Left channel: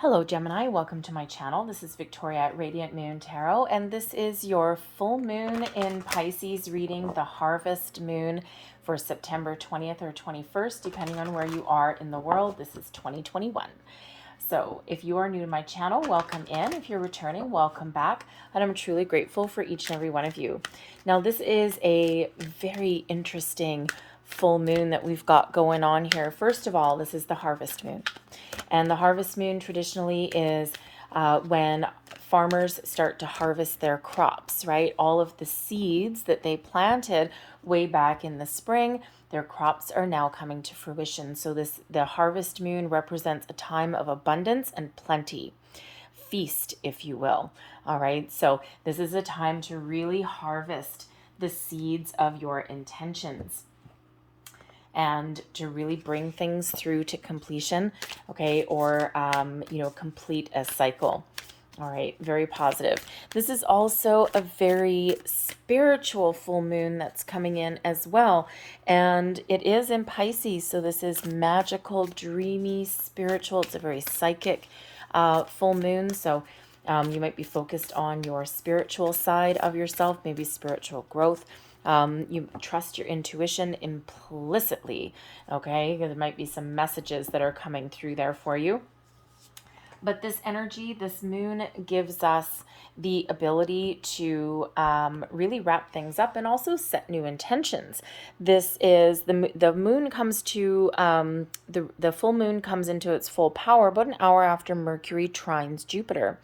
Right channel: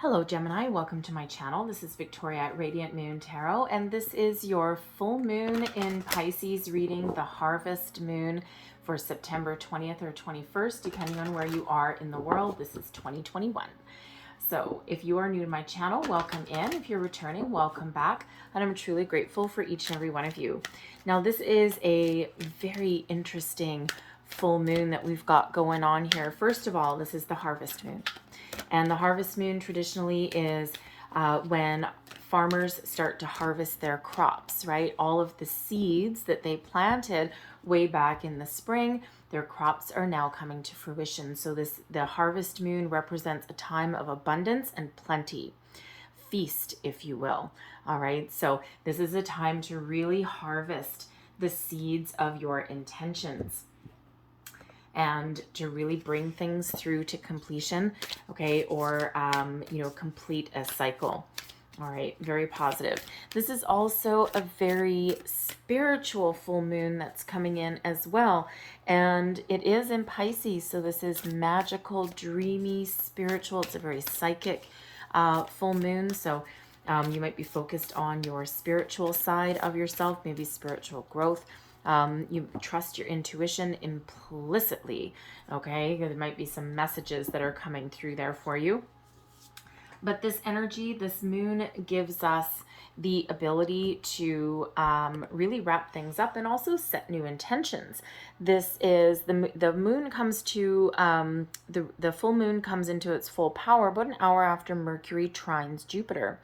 Hello Gemini, welcome to my channel. This is Victoria at Radiant Moon Tarot, and this is your full moon in Pisces reading, the harvest moon for September 20th or 21st, depending on where you are in the world. This is 2021. So if you are new to my channel, welcome in. If you're returning, welcome back. And I'm truly grateful for each and every one of you. Now, this is a very interesting full moon that we've got going on here. First of all, this is the harvest moon. And the harvest moon traditionally is when farmers start to harvest their crops, right? All of the seeds that they planted way back in the spring, their crops are now coming to fruition. So the harvest moon represents a time of abundance and plenty. Feast, if you will. All right. So this is a time to really harvest the seeds of your intentions and to really bring things through to completion, okay, or, complete a cycle. All right, very positive. This is also a very spiritual full moon that's coming in as well. And it is in Pisces, so this is magical, dreamy, spiritual. It's a very psychic full moon. So you might be focused on your spiritual side of yourself, maybe spiritual growth. You trust your intuition implicitly, okay? There might be some messages that are coming through there for you. But this energy, this moon gives us the ability to really wrap things up and also set new intentions. This is the moon comes to the full moon comes into its full power about an hour after Mercury trines Jupiter.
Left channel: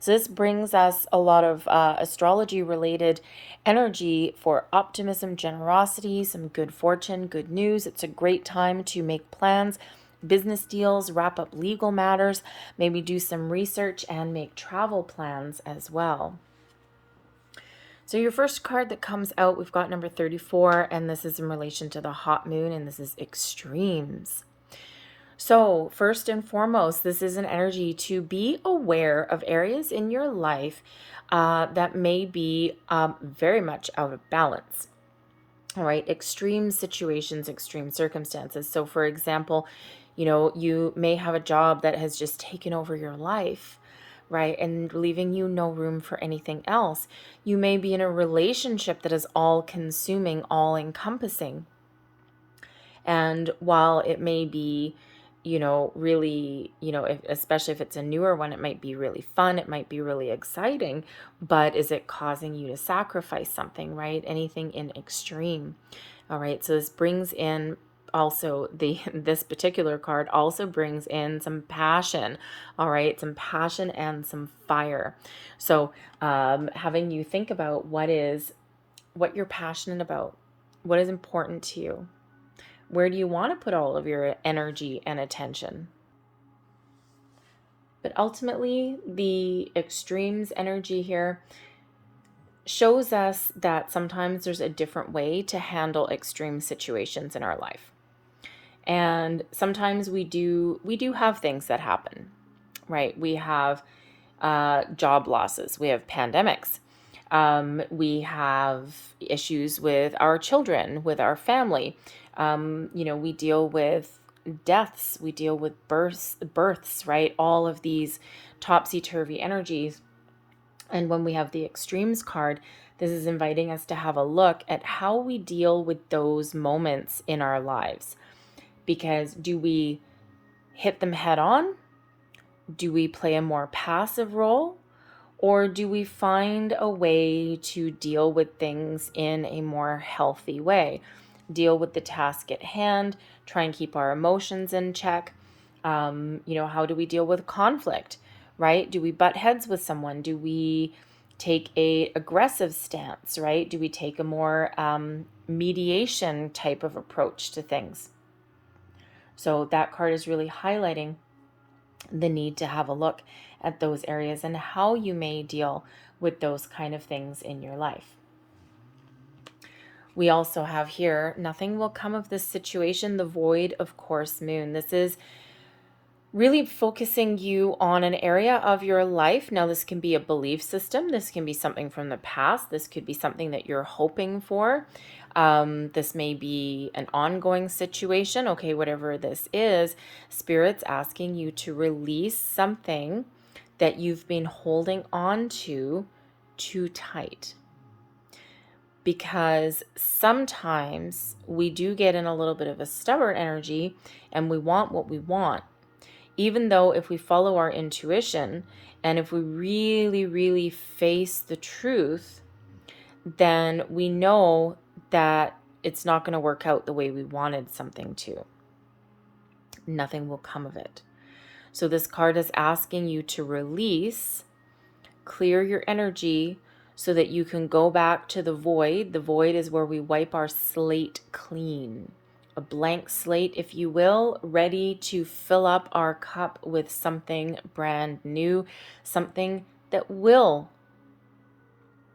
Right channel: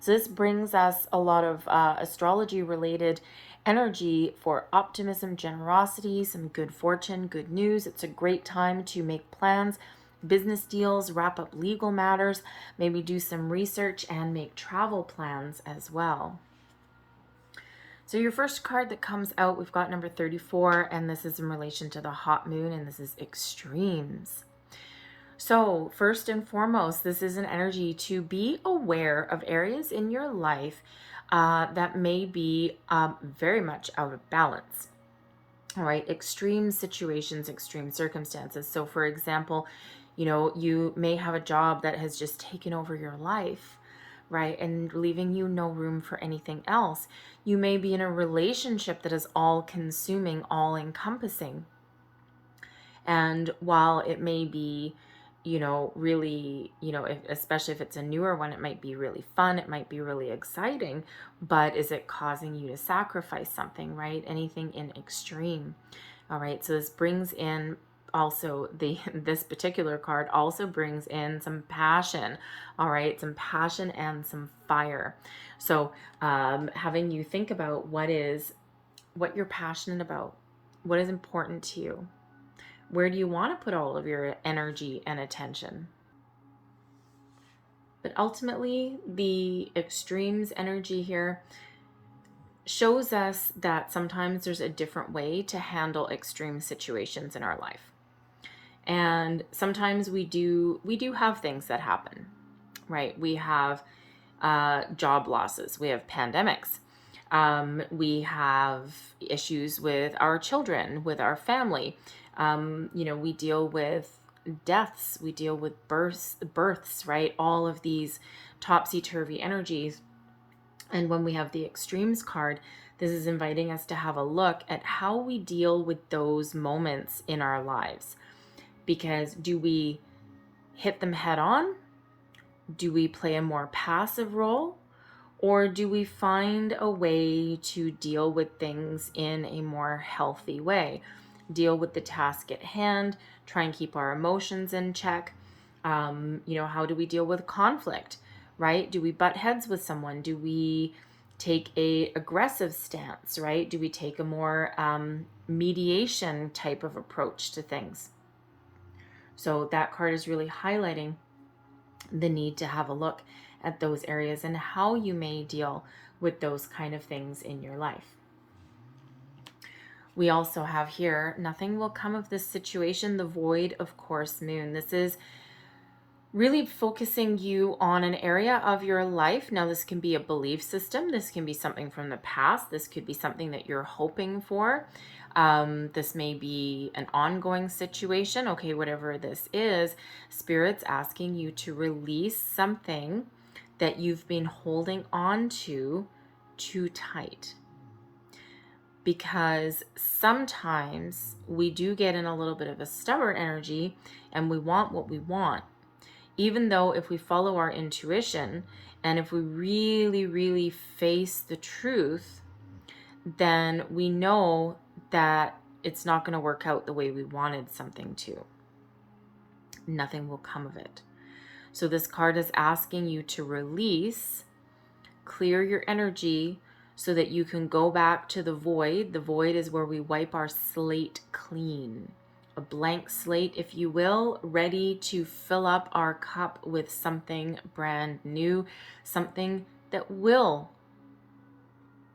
So this brings us a lot of astrology related energy for optimism, generosity, some good fortune, good news. It's a great time to make plans, business deals, wrap up legal matters, maybe do some research and make travel plans as well. So your first card that comes out, we've got number 34, and this is in relation to the hot moon, and this is extremes. So first and foremost, this is an energy to be aware of areas in your life that may be very much out of balance. All right, extreme situations, extreme circumstances. So for example, you may have a job that has just taken over your life, right? And leaving you no room for anything else. You may be in a relationship that is all consuming, all encompassing. And while it may be, really, especially if it's a newer one, it might be really fun. It might be really exciting, but is it causing you to sacrifice something, right? Anything in extreme. All right. So this brings in also this particular card also brings in some passion. All right. Some passion and some fire. So having you think about what you're passionate about, what is important to you. Where do you want to put all of your energy and attention? But ultimately, the extremes energy here shows us that sometimes there's a different way to handle extreme situations in our life. And sometimes we do have things that happen, right? We have job losses. We have pandemics. We have issues with our children, with our family. We deal with deaths, we deal with births, right? All of these topsy-turvy energies. And when we have the extremes card, this is inviting us to have a look at how we deal with those moments in our lives. Because do we hit them head on? Do we play a more passive role? Or do we find a way to deal with things in a more healthy way? Deal with the task at hand, try and keep our emotions in check. How do we deal with conflict, right? Do we butt heads with someone? Do we take a aggressive stance, right? Do we take a more mediation type of approach to things? So that card is really highlighting the need to have a look at those areas and how you may deal with those kind of things in your life. We also have here, nothing will come of this situation, the void of course moon. This is really focusing you on an area of your life. Now, this can be a belief system. This can be something from the past. This could be something that you're hoping for. This may be an ongoing situation. Okay, whatever this is, Spirit's asking you to release something that you've been holding on to too tight. Because sometimes we do get in a little bit of a stubborn energy and we want what we want. Even though if we follow our intuition and if we really, really face the truth, then we know that it's not going to work out the way we wanted something to. Nothing will come of it. So this card is asking you to release, clear your energy so that you can go back to the void. The void is where we wipe our slate clean. A blank slate, if you will, ready to fill up our cup with something brand new, something that will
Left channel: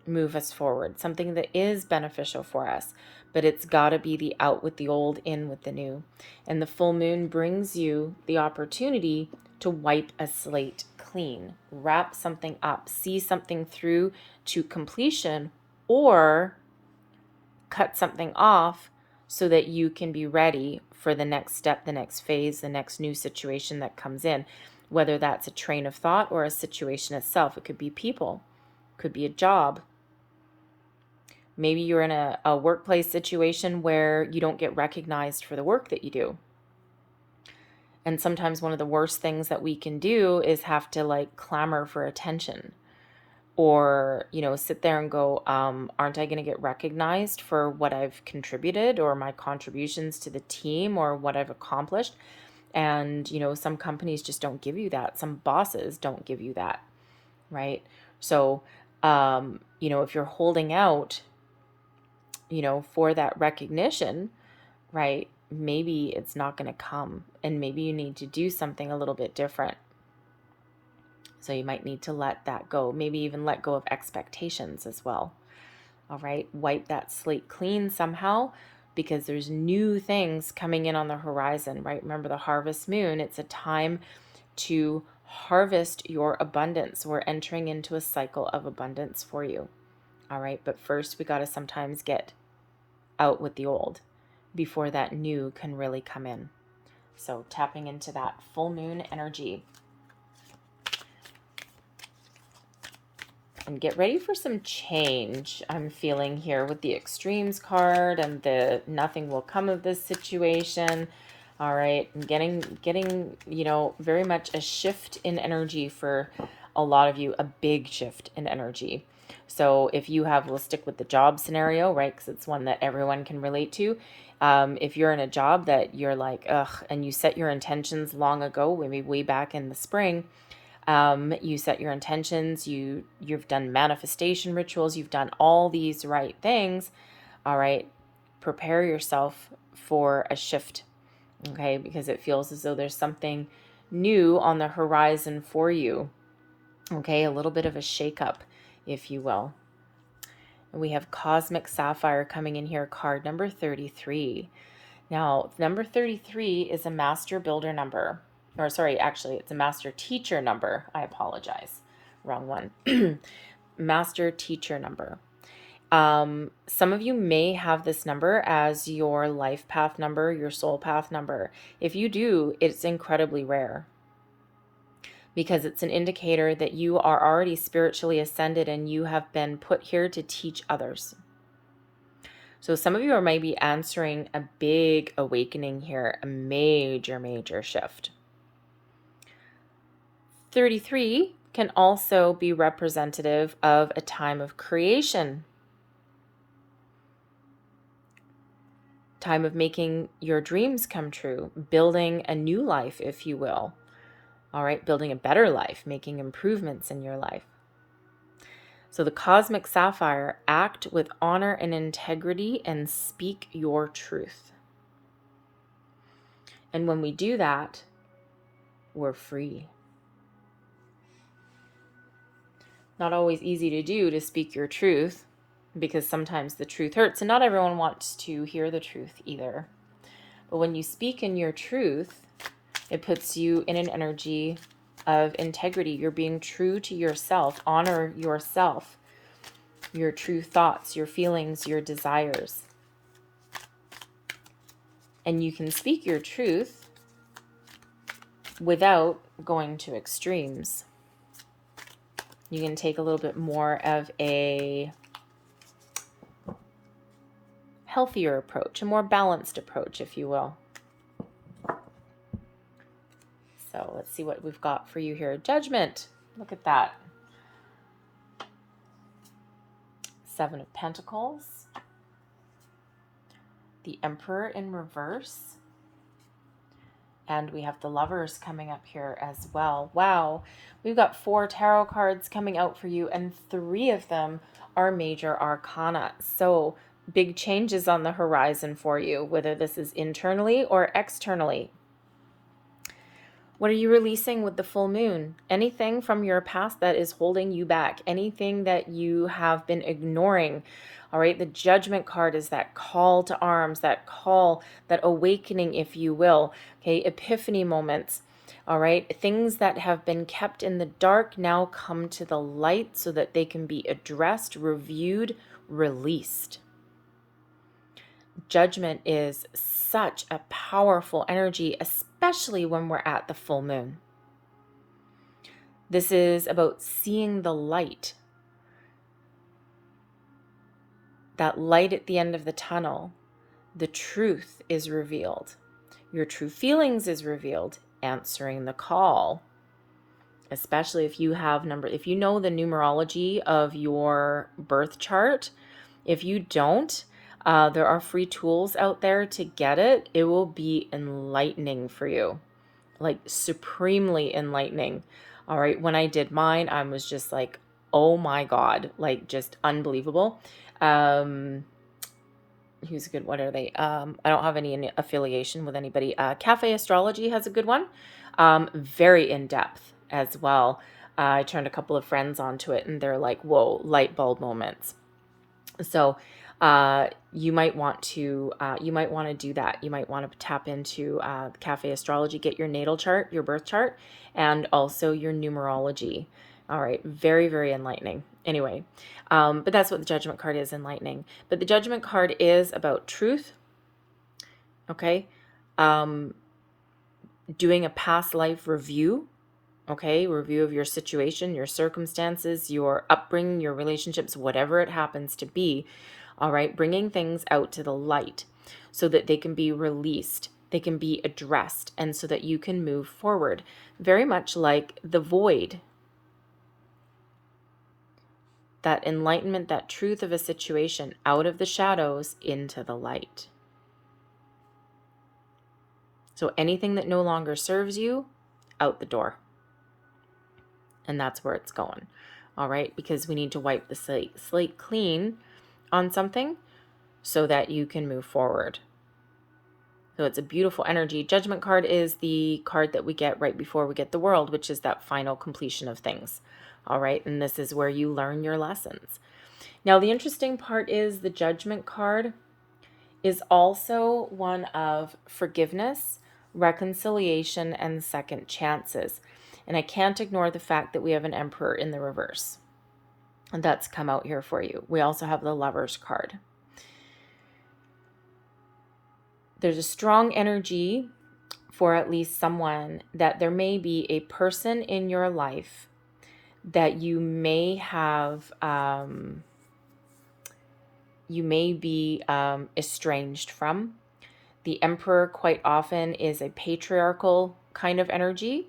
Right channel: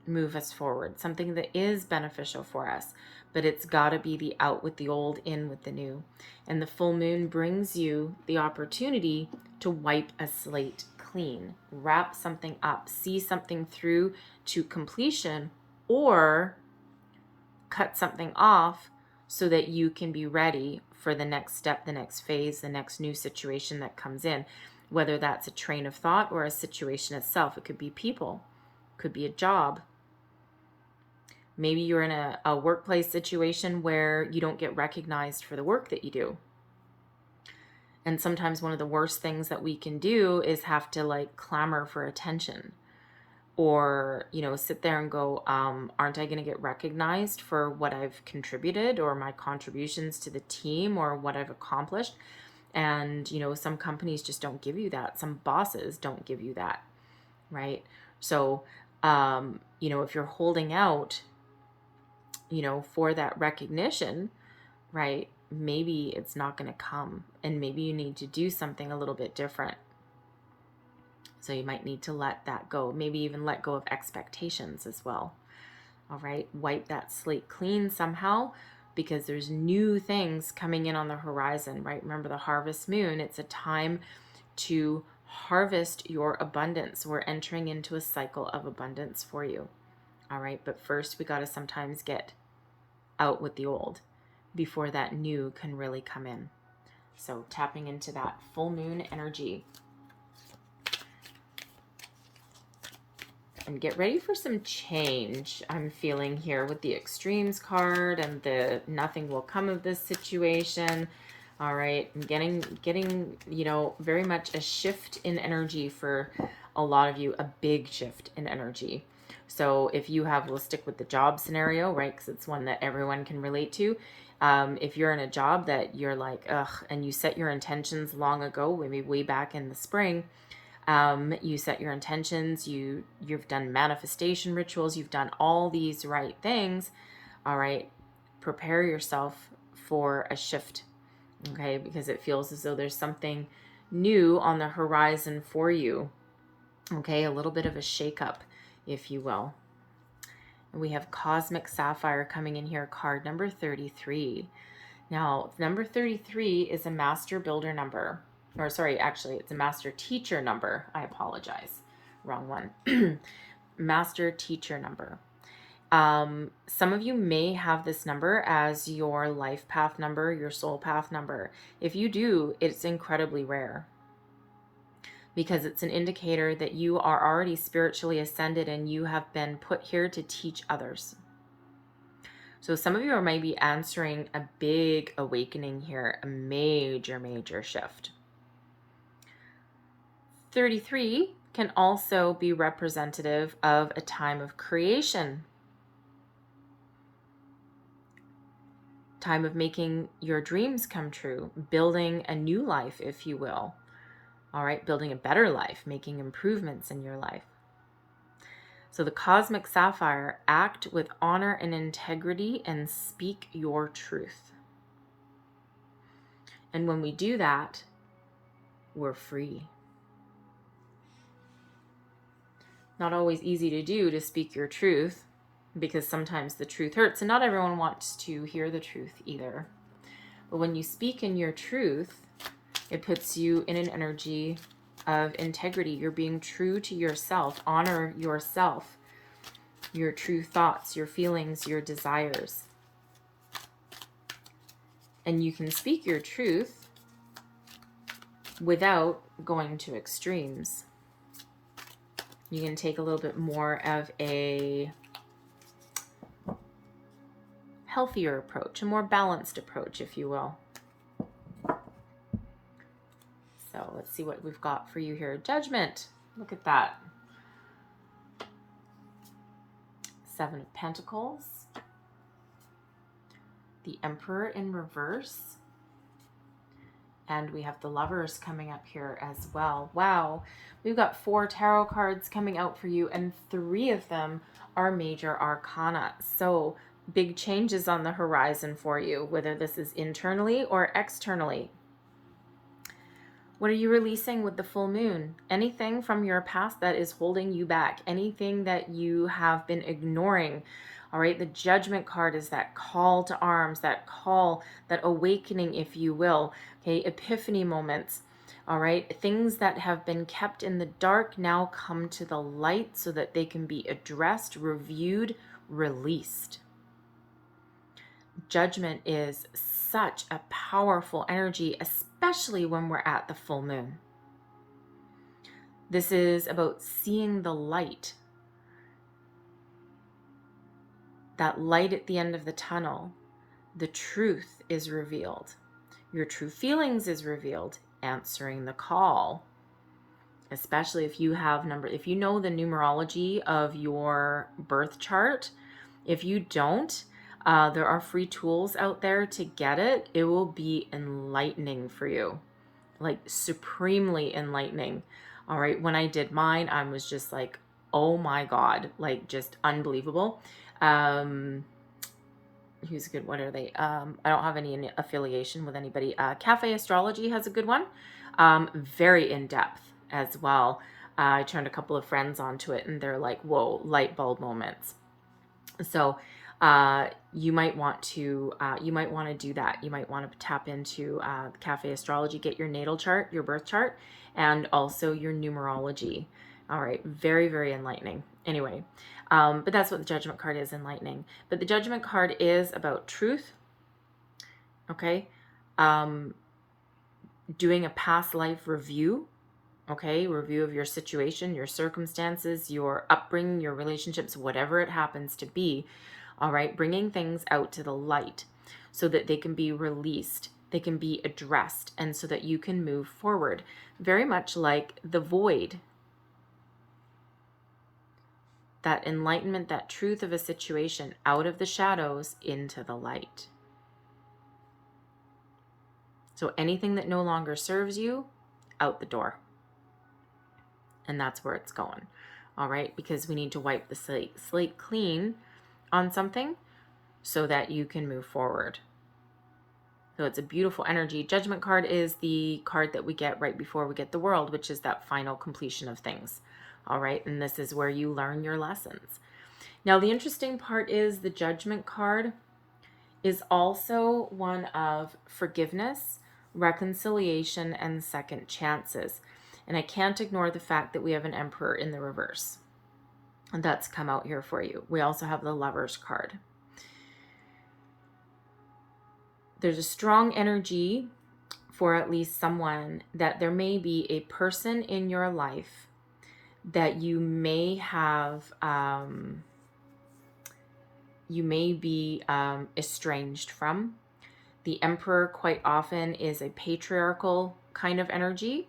move us forward, something that is beneficial for us. But it's got to be the out with the old, in with the new. And the full moon brings you the opportunity to wipe a slate clean, wrap something up, see something through to completion, or cut something off so that you can be ready for the next step, the next phase, the next new situation that comes in, whether that's a train of thought or a situation itself. It could be people, could be a job. Maybe you're in a workplace situation where you don't get recognized for the work that you do. And sometimes one of the worst things that we can do is have to clamor for attention, or, sit there and go, aren't I going to get recognized for what I've contributed or my contributions to the team or what I've accomplished? And, some companies just don't give you that. Some bosses don't give you that, right? So, if you're holding out, for that recognition, right, maybe it's not going to come, and maybe you need to do something a little bit different. So you might need to let that go, maybe even let go of expectations as well. All right, wipe that slate clean somehow, because there's new things coming in on the horizon, right? Remember the harvest moon, it's a time to harvest your abundance. We're entering into a cycle of abundance for you. All right, but first we got to sometimes get out with the old before that new can really come in. So tapping into that full moon energy. And get ready for some change. I'm feeling here with the extremes card and the nothing will come of this situation. All right, I'm getting very much a shift in energy for a lot of you, a big shift in energy. So if you have, we'll stick with the job scenario, right? Because it's one that everyone can relate to. If you're in a job that you're like, ugh, and you set your intentions long ago, maybe way back in the spring, you set your intentions, you've done manifestation rituals, you've done all these right things. All right, prepare yourself for a shift, okay? Because it feels as though there's something new on the horizon for you, okay? A little bit of a shakeup, if you will. And we have Cosmic Sapphire coming in here, card number 33. Now, number 33 is a master builder number. Or sorry, actually, it's a master teacher number. I apologize. Wrong one. Master teacher number. Some of you may have this number as your life path number, your soul path number. If you do, it's incredibly rare, because it's an indicator that you are already spiritually ascended and you have been put here to teach others. So some of you are maybe answering a big awakening here, a major, major shift. 33 can also be representative of a time of creation, time of making your dreams come true, building a new life, if you will. All right, building a better life, making improvements in your life. So the Cosmic Sapphire, act with honor and integrity and speak your truth. And when we do that, we're free. Not always easy to do, to speak your truth, because sometimes the truth hurts, and not everyone wants to hear the truth either. But when you speak in your truth, it puts you in an energy of integrity. You're being true to yourself. Honor yourself, your true thoughts, your feelings, your desires. And you can speak your truth without going to extremes. You can take a little bit more of a healthier approach, a more balanced approach, if you will. So let's see what we've got for you here. Judgment. Look at that. Seven of Pentacles. The Emperor in reverse. And we have the Lovers coming up here as well. Wow. We've got 4 tarot cards coming out for you, and 3 of them are major arcana. So big changes on the horizon for you, whether this is internally or externally. What are you releasing with the full moon? Anything from your past that is holding you back, anything that you have been ignoring. All right, the Judgment card is that call to arms, that call, that awakening, if you will. Okay, epiphany moments. All right, things that have been kept in the dark now come to the light so that they can be addressed, reviewed, released. Judgment is such a powerful energy, especially when we're at the full moon. This is about seeing the light. That light at the end of the tunnel. The truth is revealed. Your true feelings is revealed. Answering the call. Especially if you have if you know the numerology of your birth chart. If you don't, there are free tools out there to get it. It will be enlightening for you. Like supremely enlightening. All right. When I did mine, I was just like, oh my God, like just unbelievable. Who's a good, what are they? I don't have any affiliation with anybody. Cafe Astrology has a good one. Very in-depth as well. I turned a couple of friends onto it and they're like, whoa, light bulb moments. So you might want to do that. You might want to tap into Cafe Astrology, get your natal chart, your birth chart, and also your numerology. All right. Very, very enlightening. Anyway, but that's what the Judgment card is, enlightening. But the Judgment card is about truth. Okay. Doing a past life review. Okay. Review of your situation, your circumstances, your upbringing, your relationships, whatever it happens to be. All right. Bringing things out to the light so that they can be released. They can be addressed, and so that you can move forward. Very much like the void. That enlightenment, that truth of a situation, out of the shadows into the light. So anything that no longer serves you, out the door. And that's where it's going. All right, because we need to wipe the slate clean on something so that you can move forward. So it's a beautiful energy. Judgment card is the card that we get right before we get the world, which is that final completion of things. All right. And this is where you learn your lessons. Now, the interesting part is the Judgment card is also one of forgiveness, reconciliation, and second chances. And I can't ignore the fact that we have an Emperor in the reverse. And that's come out here for you. We also have the Lovers card. There's a strong energy for at least someone that there may be a person in your life that you may have, you may be estranged from. The Emperor quite often is a patriarchal kind of energy,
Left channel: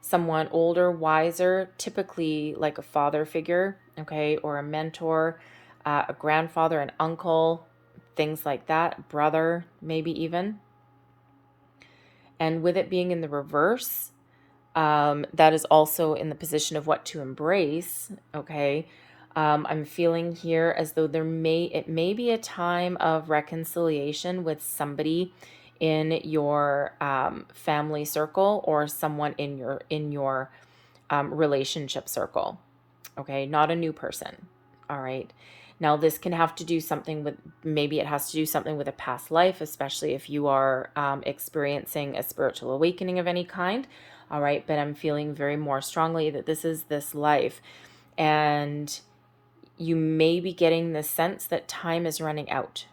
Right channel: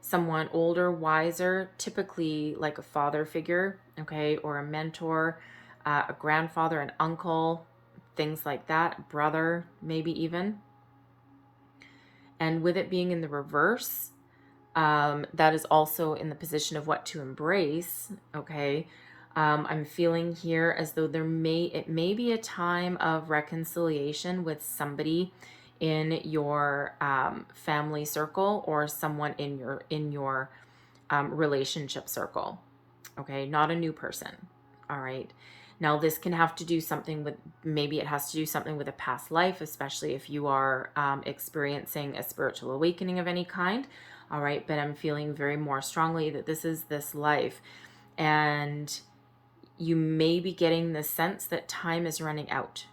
someone older, wiser, typically like a father figure, okay, or a mentor, a grandfather, an uncle, things like that, brother, maybe even. And with it being in the reverse, that is also in the position of what to embrace. Okay. I'm feeling here as though it may be a time of reconciliation with somebody in your family circle or someone in your relationship circle. Okay. Not a new person. All right. Now this can have to do something with, maybe it has to do something with a past life, especially if you are experiencing a spiritual awakening of any kind. All right. But I'm feeling very more strongly that this is this life. And you may be getting the sense that time is running out.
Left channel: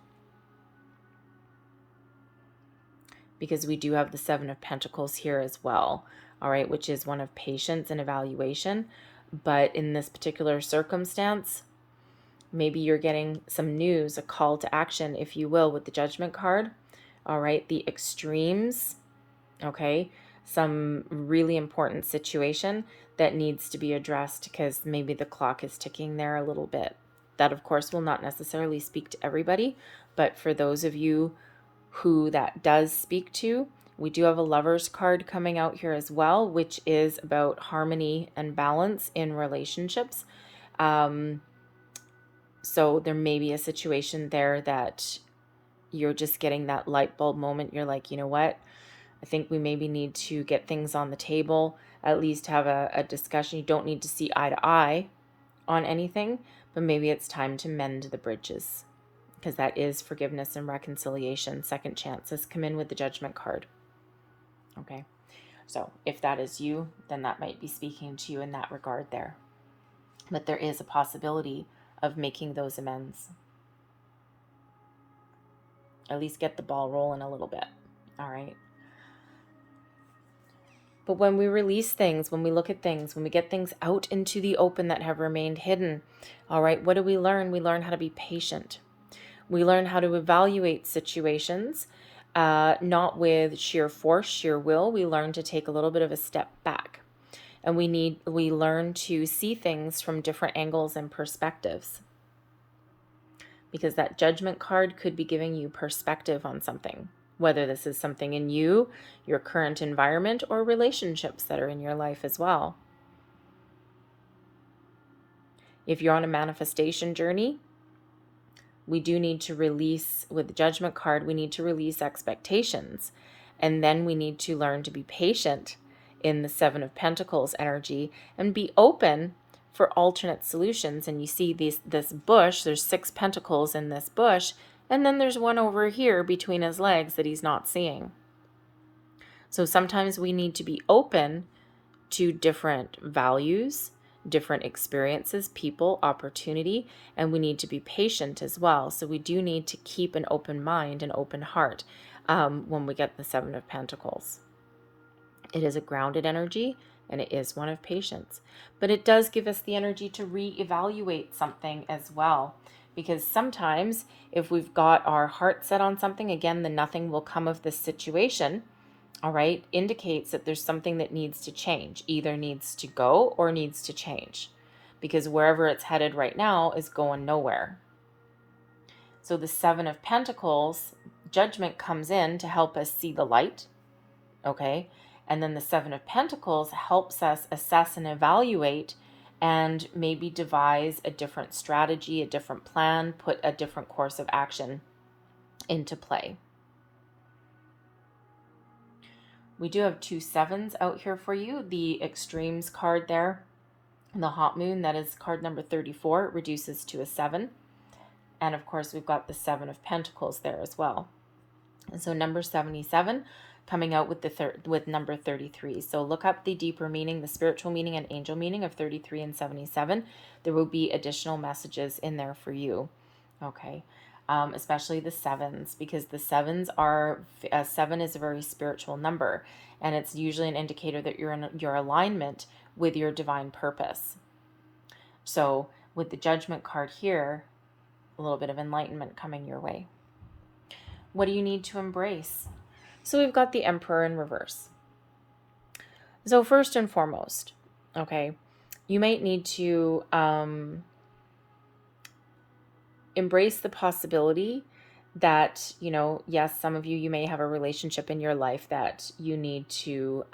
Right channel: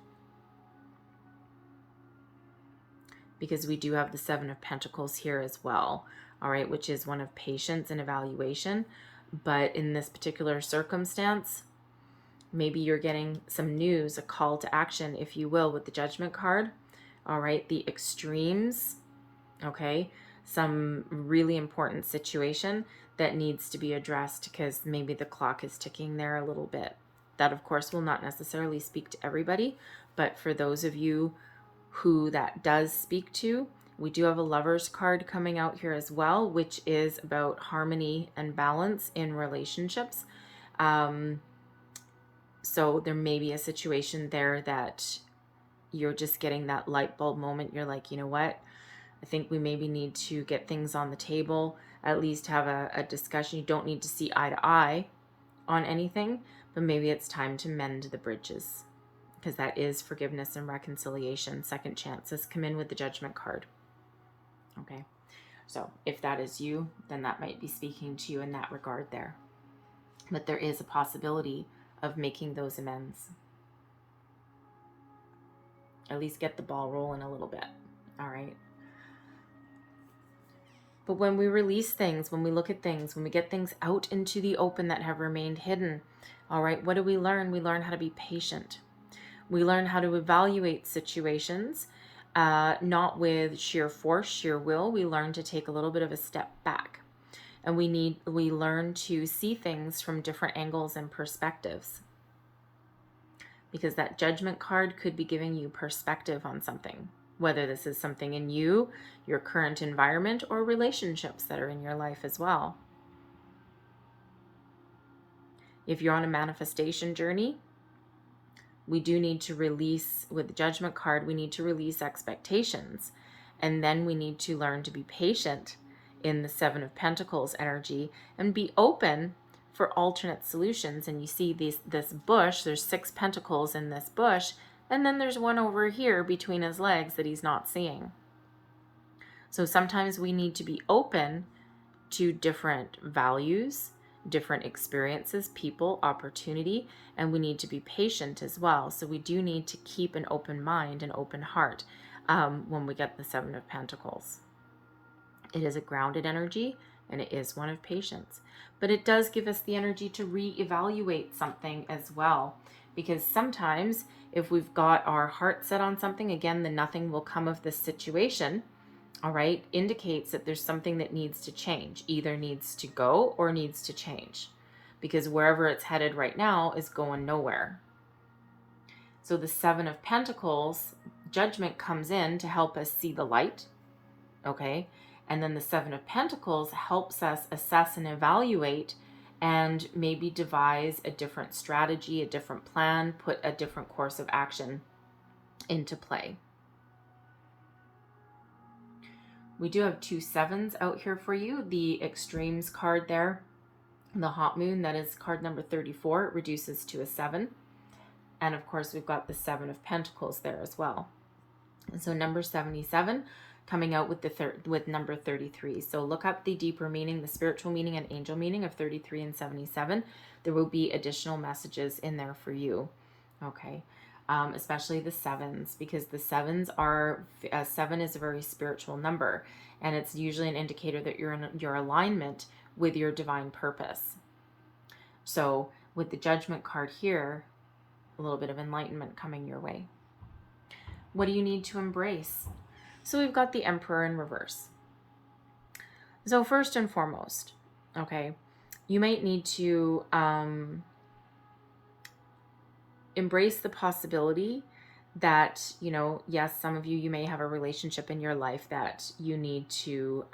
because we do have the Seven of Pentacles here as well, all right, which is one of patience and evaluation. But in this particular circumstance, maybe you're getting some news, a call to action, if you will, with the Judgment card, all right, the extremes, okay, some really important situation that needs to be addressed because maybe the clock is ticking there a little bit. That, of course, will not necessarily speak to everybody, but for those of you who that does speak to, we do have a Lover's card coming out here as well, which is about harmony and balance in relationships. So there may be a situation there that you're just getting that light bulb moment. You're like, you know what? I think we maybe need to get things on the table, at least have a discussion. You don't need to see eye to eye on anything, but maybe it's time to mend the bridges, because that is forgiveness and reconciliation. Second chances come in with the Judgment card. Okay, so if that is you, then that might be speaking to you in that regard there. But there is a possibility of making those amends. At least get the ball rolling a little bit. All right. But when we release things, when we look at things, when we get things out into the open that have remained hidden, all right, what do we learn? We learn how to be patient. We learn how to evaluate situations, not with sheer force, sheer will. We learn to take a little bit of a step back. And we learn to see things from different angles and perspectives. Because that Judgment card could be giving you perspective on something, whether this is something in you, your current environment, or relationships that are in your life as well. If you're on a manifestation journey, we do need to release, with the Judgment card, we need to release expectations. And then we need to learn to be patient in the Seven of Pentacles energy and be open for alternate solutions. And you see this bush, there's 6 pentacles in this bush, and then there's one over here between his legs that he's not seeing. So sometimes we need to be open to different values, different experiences, people, opportunity, and we need to be patient as well. So we do need to keep an open mind, an open heart when we get the Seven of Pentacles. It is a grounded energy, and it is one of patience. But it does give us the energy to reevaluate something as well. Because sometimes if we've got our heart set on something, again, the nothing will come of this situation, all right, indicates that there's something that needs to change, either needs to go or needs to change. Because wherever it's headed right now is going nowhere. So the Seven of Pentacles, Judgment comes in to help us see the light, okay? And then the Seven of Pentacles helps us assess and evaluate and maybe devise a different strategy, a different plan, put a different course of action into play. We do have 2 sevens out here for you. The extremes card there, the hot moon, that is card number 34. It reduces to a 7. And of course, we've got the Seven of Pentacles there as well. And so number 77 coming out with with number 33. So look up the deeper meaning, the spiritual meaning and angel meaning of 33 and 77. There will be additional messages in there for you. Okay. Especially the sevens, because the sevens are, 7 is a very spiritual number, and it's usually an indicator that you're in your alignment with your divine purpose. So with the Judgment card here, a little bit of enlightenment coming your way. What do you need to embrace? So we've got the Emperor in reverse. So first and foremost, okay, you might need to embrace the possibility that, you know, yes, some of you may have a relationship in your life that you need to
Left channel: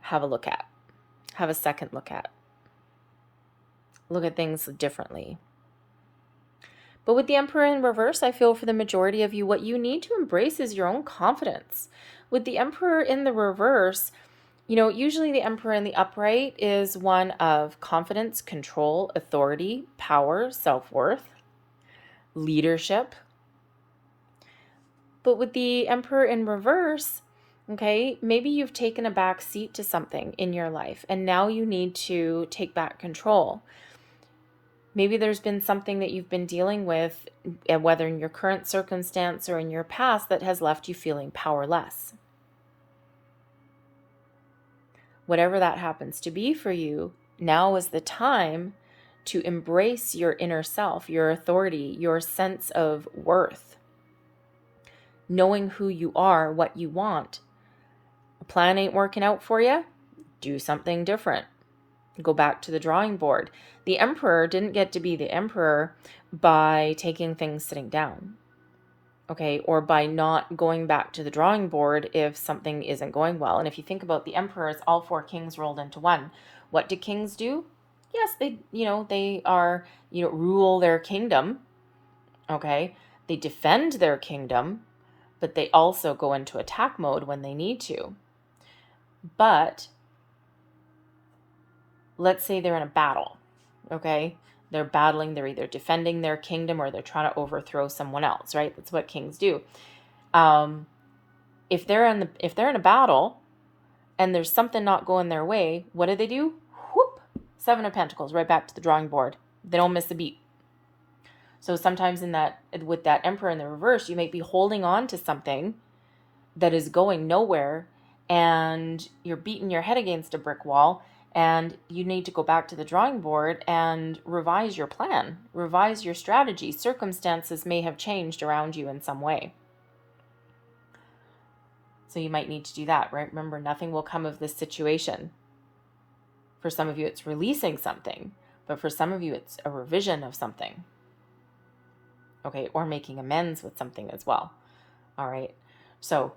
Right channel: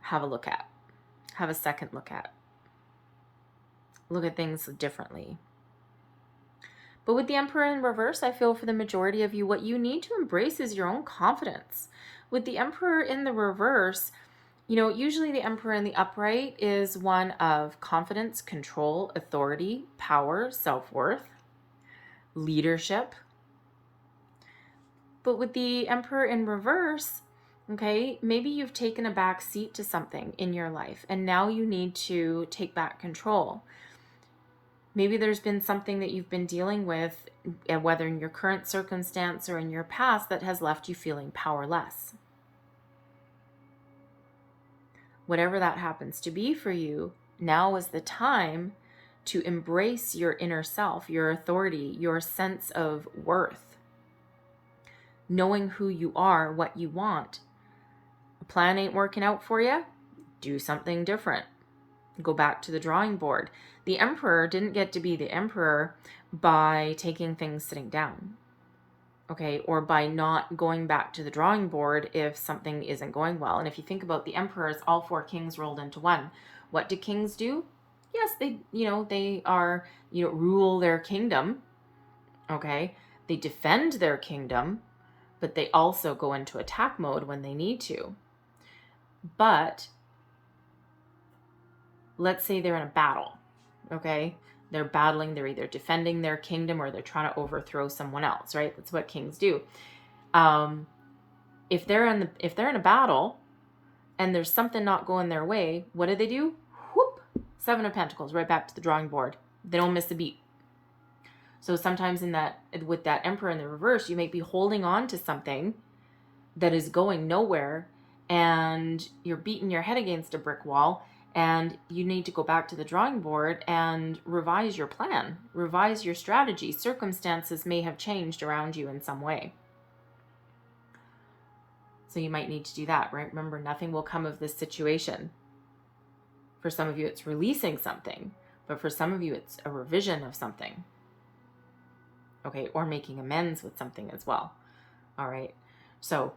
have a look at, have a second look at things differently. But with the Emperor in reverse, I feel for the majority of you, what you need to embrace is your own confidence. With the Emperor in the reverse, you know, usually the Emperor in the upright is one of confidence, control, authority, power, self-worth, leadership. But with the Emperor in reverse, okay, maybe you've taken a back seat to something in your life and now you need to take back control. Maybe there's been something that you've been dealing with, whether in your current circumstance or in your past, that has left you feeling powerless. Whatever that happens to be for you, now is the time to embrace your inner self, your authority, your sense of worth, knowing who you are, what you want. A plan ain't working out for you? Do something different. Go back to the drawing board. The emperor didn't get to be the emperor by taking things sitting down, okay, or by not going back to the drawing board if something isn't going well. And if you think about the emperor as all four kings rolled into one, what do kings do? Yes, they are, rule their kingdom, okay? They defend their kingdom, but they also go into attack mode when they need to. But let's say they're in a battle, okay? They're battling, they're either defending their kingdom or they're trying to overthrow someone else, right? That's what kings do. If they're in a battle and there's something not going their way, what do? Whoop, 7 of Pentacles, right back to the drawing board. They don't miss a beat. So sometimes with that emperor in the reverse, you might be holding on to something that is going nowhere and you're beating your head against a brick wall, and you need to go back to the drawing board and revise your plan, revise your strategy. Circumstances may have changed around you in some way. So you might need to do that, right? Remember, nothing will come of this situation. For some of you, it's releasing something, but for some of you, it's a revision of something. Okay, or making amends with something as well. All right, so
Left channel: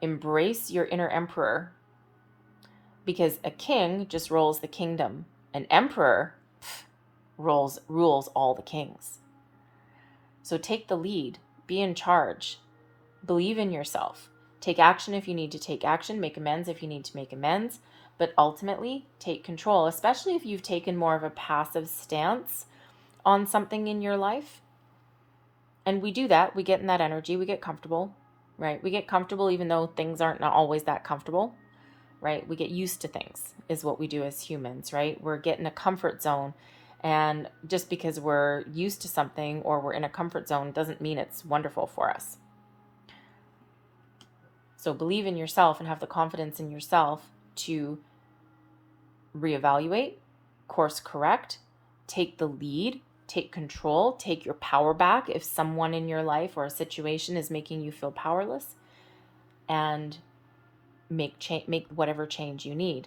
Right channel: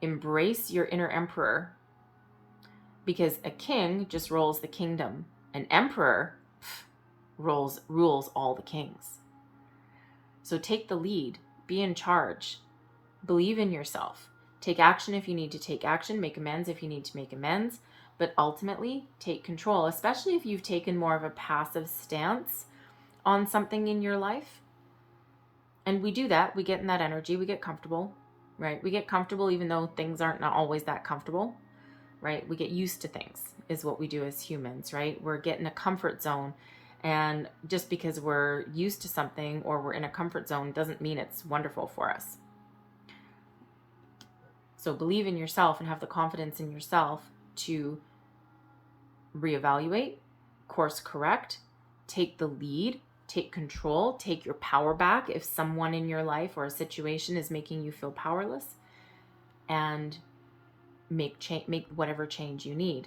embrace your inner emperor, because a king just rules the kingdom. An emperor rules all the kings. So take the lead, be in charge, believe in yourself, take action if you need to take action, make amends if you need to make amends, but ultimately take control, especially if you've taken more of a passive stance on something in your life. And we do that, we get in that energy, we get comfortable, right? We get comfortable even though things aren't not always that comfortable, right? We get used to things is what we do as humans, right? We're getting a comfort zone. And just because we're used to something or we're in a comfort zone doesn't mean it's wonderful for us. So believe in yourself and have the confidence in yourself to reevaluate, course correct, take the lead, take control, take your power back if someone in your life or a situation is making you feel powerless, and make whatever change you need.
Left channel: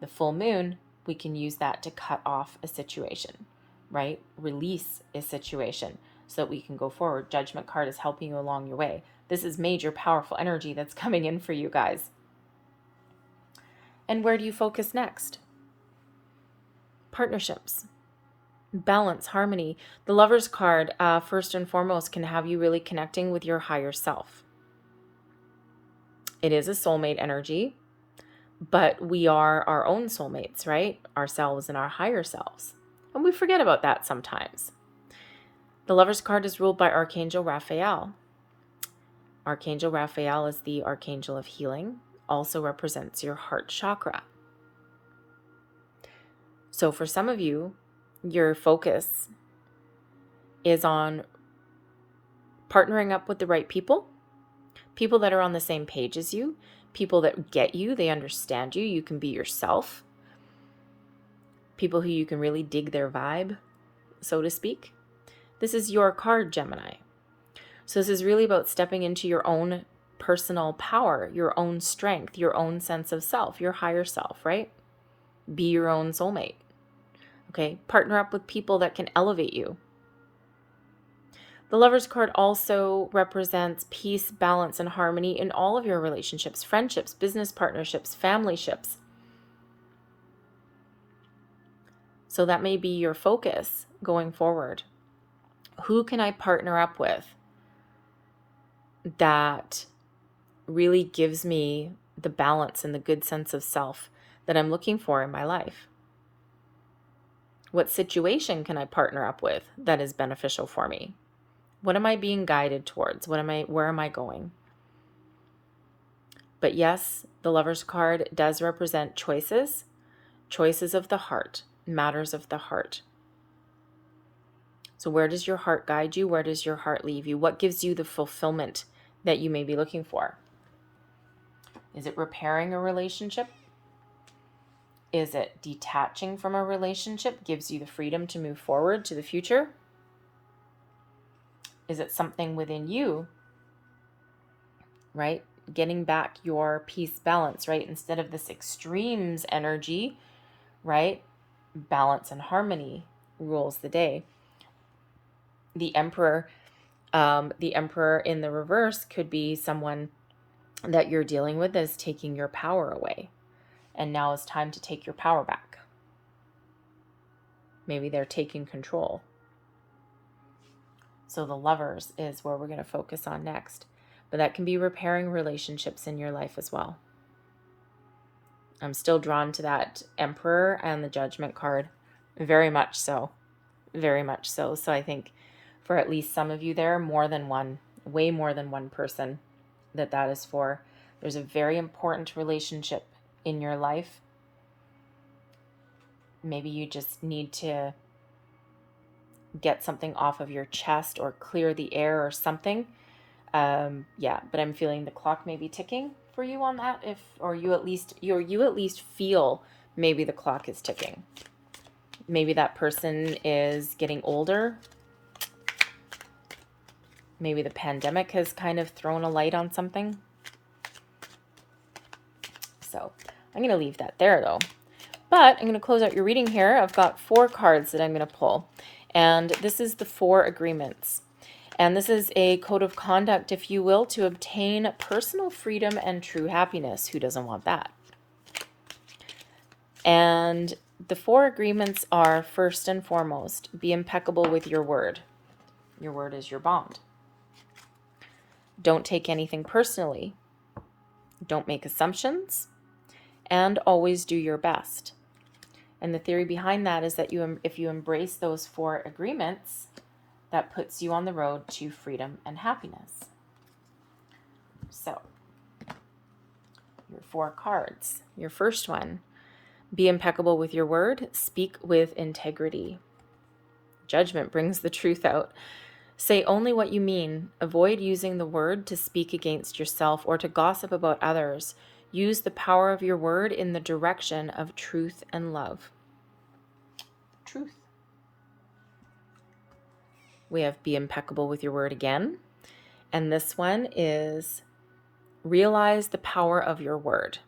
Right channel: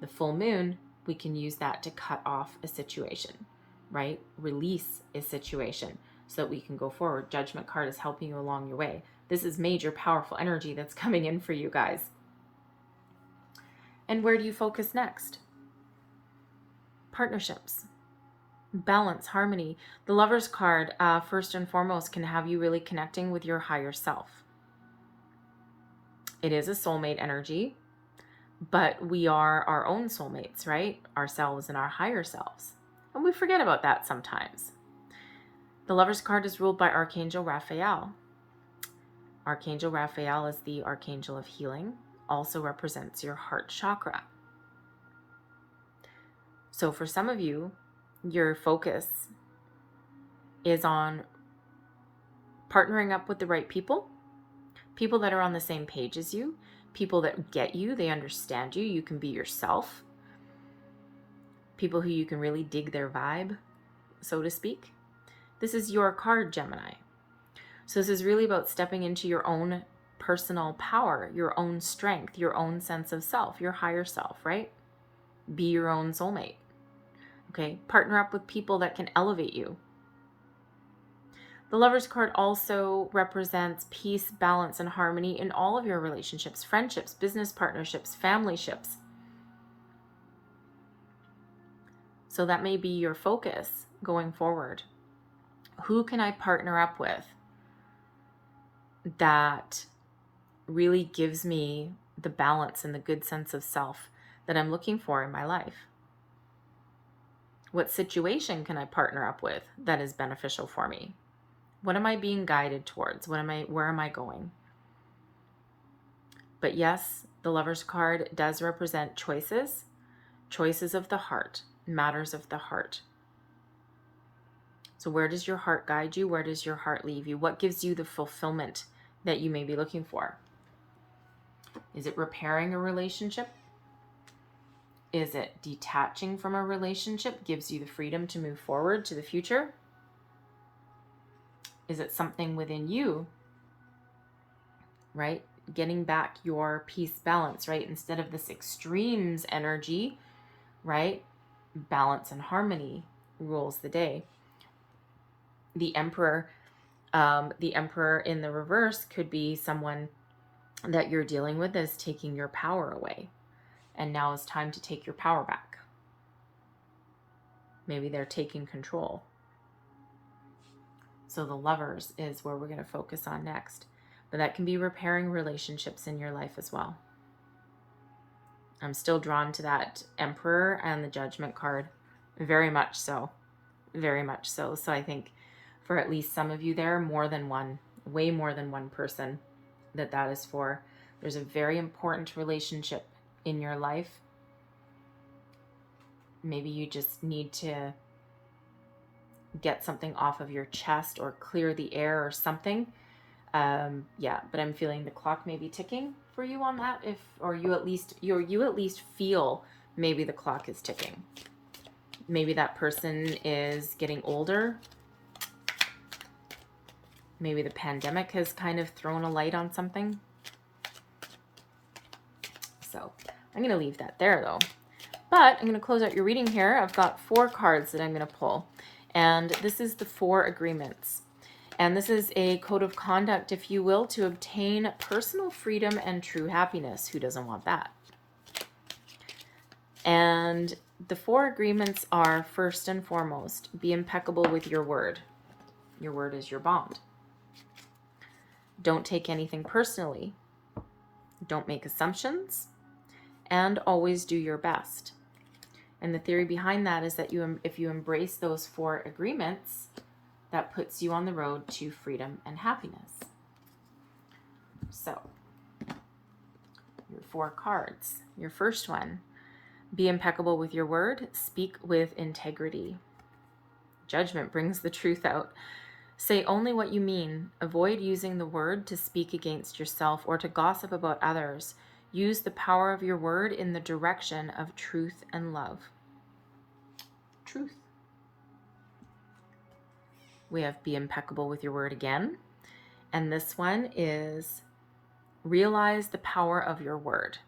The full moon, we can use that to cut off a situation, right? Release a situation so that we can go forward. Judgment card is helping you along your way. This is major, powerful energy that's coming in for you guys. And where do you focus next? Partnerships. Balance, harmony. The Lover's card, first and foremost, can have you really connecting with your higher self. It is a soulmate energy, but we are our own soulmates, right? Ourselves and our higher selves. And we forget about that sometimes. The Lover's card is ruled by Archangel Raphael. Archangel Raphael is the Archangel of healing, also represents your heart chakra. So for some of you, your focus is on partnering up with the right people that are on the same page as you, people that get you, they understand you, you can be yourself, people who you can really dig their vibe, so to speak. This is your card, Gemini. So this is really about stepping into your own personal power, your own strength, your own sense of self, your higher self, right? Be your own soulmate. Okay, partner up with people that can elevate you. The Lover's card also represents peace, balance, and harmony in all of your relationships, friendships, business partnerships, family ships. So that may be your focus going forward. Who can I partner up with that really gives me the balance and the good sense of self that I'm looking for in my life? What situation can I partner up with that is beneficial for me? What am I being guided towards? Where am I going? But yes, the Lover's card does represent choices of the heart, matters of the heart. So where does your heart guide you? Where does your heart leave you? What gives you the fulfillment that you may be looking for? Is it repairing a relationship? Is it detaching from a relationship? Gives you the freedom to move forward to the future? Is it something within you, right? Getting back your peace, balance, right? Instead of this extremes energy, right? Balance and harmony rules the day. The Emperor in the reverse could be someone that you're dealing with is taking your power away. And now it's time to take your power back. Maybe they're taking control. So the Lovers is where we're going to focus on next. But that can be repairing relationships in your life as well. I'm still drawn to that Emperor and the Judgment card. Very much so. Very much so. So I think for at least some of you there, more than one, way more than one person that is for. There's a very important relationship in your life. Maybe you just need to get something off of your chest or clear the air or something. Yeah, but I'm feeling the clock may be ticking for you on that. You at least feel maybe the clock is ticking. Maybe that person is getting older. Maybe the pandemic has kind of thrown a light on something. So I'm going to leave that there though. But I'm going to close out your reading here. I've got 4 cards that I'm going to pull. And this is the 4 agreements. And this is a code of conduct, if you will, to obtain personal freedom and true happiness. Who doesn't want that? And the 4 agreements are, first and foremost, be impeccable with your word. Your word is your bond. Don't take anything personally. Don't make assumptions. And always do your best. And the theory behind that is that if you embrace those 4 agreements, that puts you on the road to freedom and happiness. So, your 4 cards. Your first one, be impeccable with your word, speak with integrity. Judgment brings the truth out. Say only what you mean. Avoid using the word to speak against yourself or to gossip about others. Use the power of your word in the direction of truth and love. Truth. We have be impeccable with your word again. And this one is realize the power of your word.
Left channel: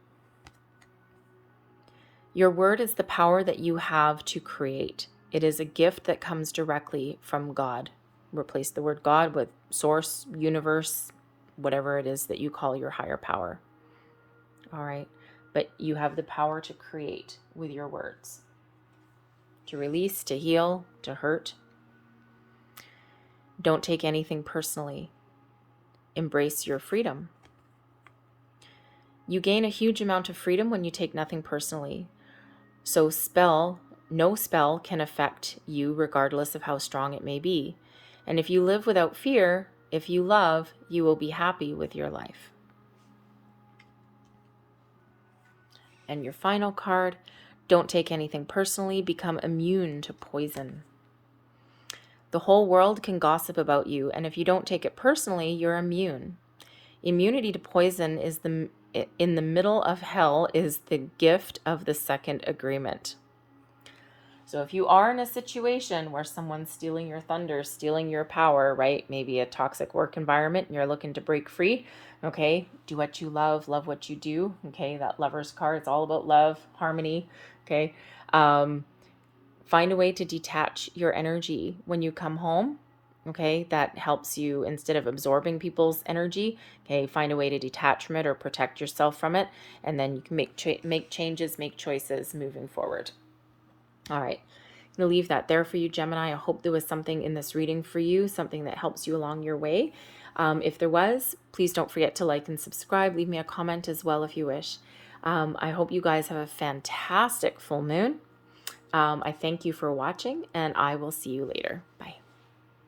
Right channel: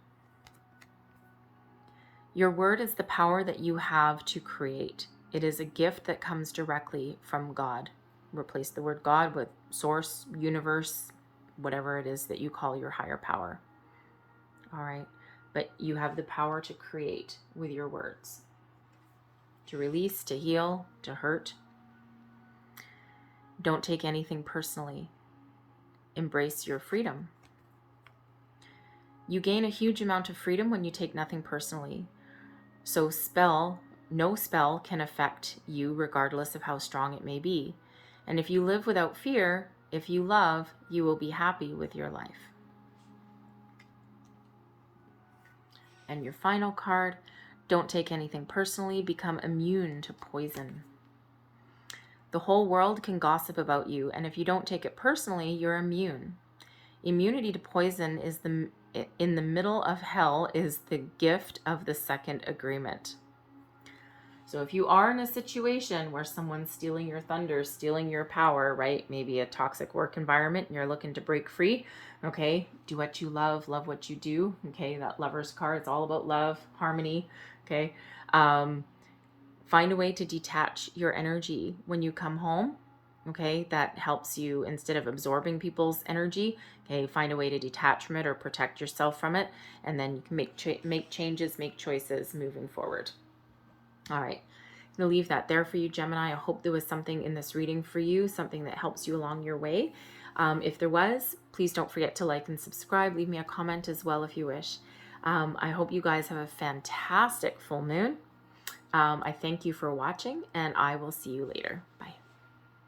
Your word is the power that you have to create. It is a gift that comes directly from God. Replace the word God with source, universe, whatever it is that you call your higher power. All right. But you have the power to create with your words. To release, to heal, to hurt. Don't take anything personally. Embrace your freedom. You gain a huge amount of freedom when you take nothing personally. So no spell can affect you regardless of how strong it may be. And if you live without fear, if you love, you will be happy with your life. And your final card, don't take anything personally, become immune to poison. The whole world can gossip about you, and if you don't take it personally, you're immune. Immunity to poison is in the middle of hell is the gift of the second agreement. So if you are in a situation where someone's stealing your thunder, stealing your power, right? Maybe a toxic work environment and you're looking to break free, okay? Do what you love what you do, okay? That Lover's card, it's all about love, harmony, okay? Find a way to detach your energy when you come home, okay? That helps you, instead of absorbing people's energy, okay? Find a way to detach from it or protect yourself from it, and then you can make changes, make choices moving forward. All right, I'm going to leave that there for you, Gemini. I hope there was something in this reading for you, something that helps you along your way. If there was, please don't forget to like and subscribe. Leave me a comment as well if you wish. I hope you guys have a fantastic full moon. I thank you for watching, and I will see you later. Bye.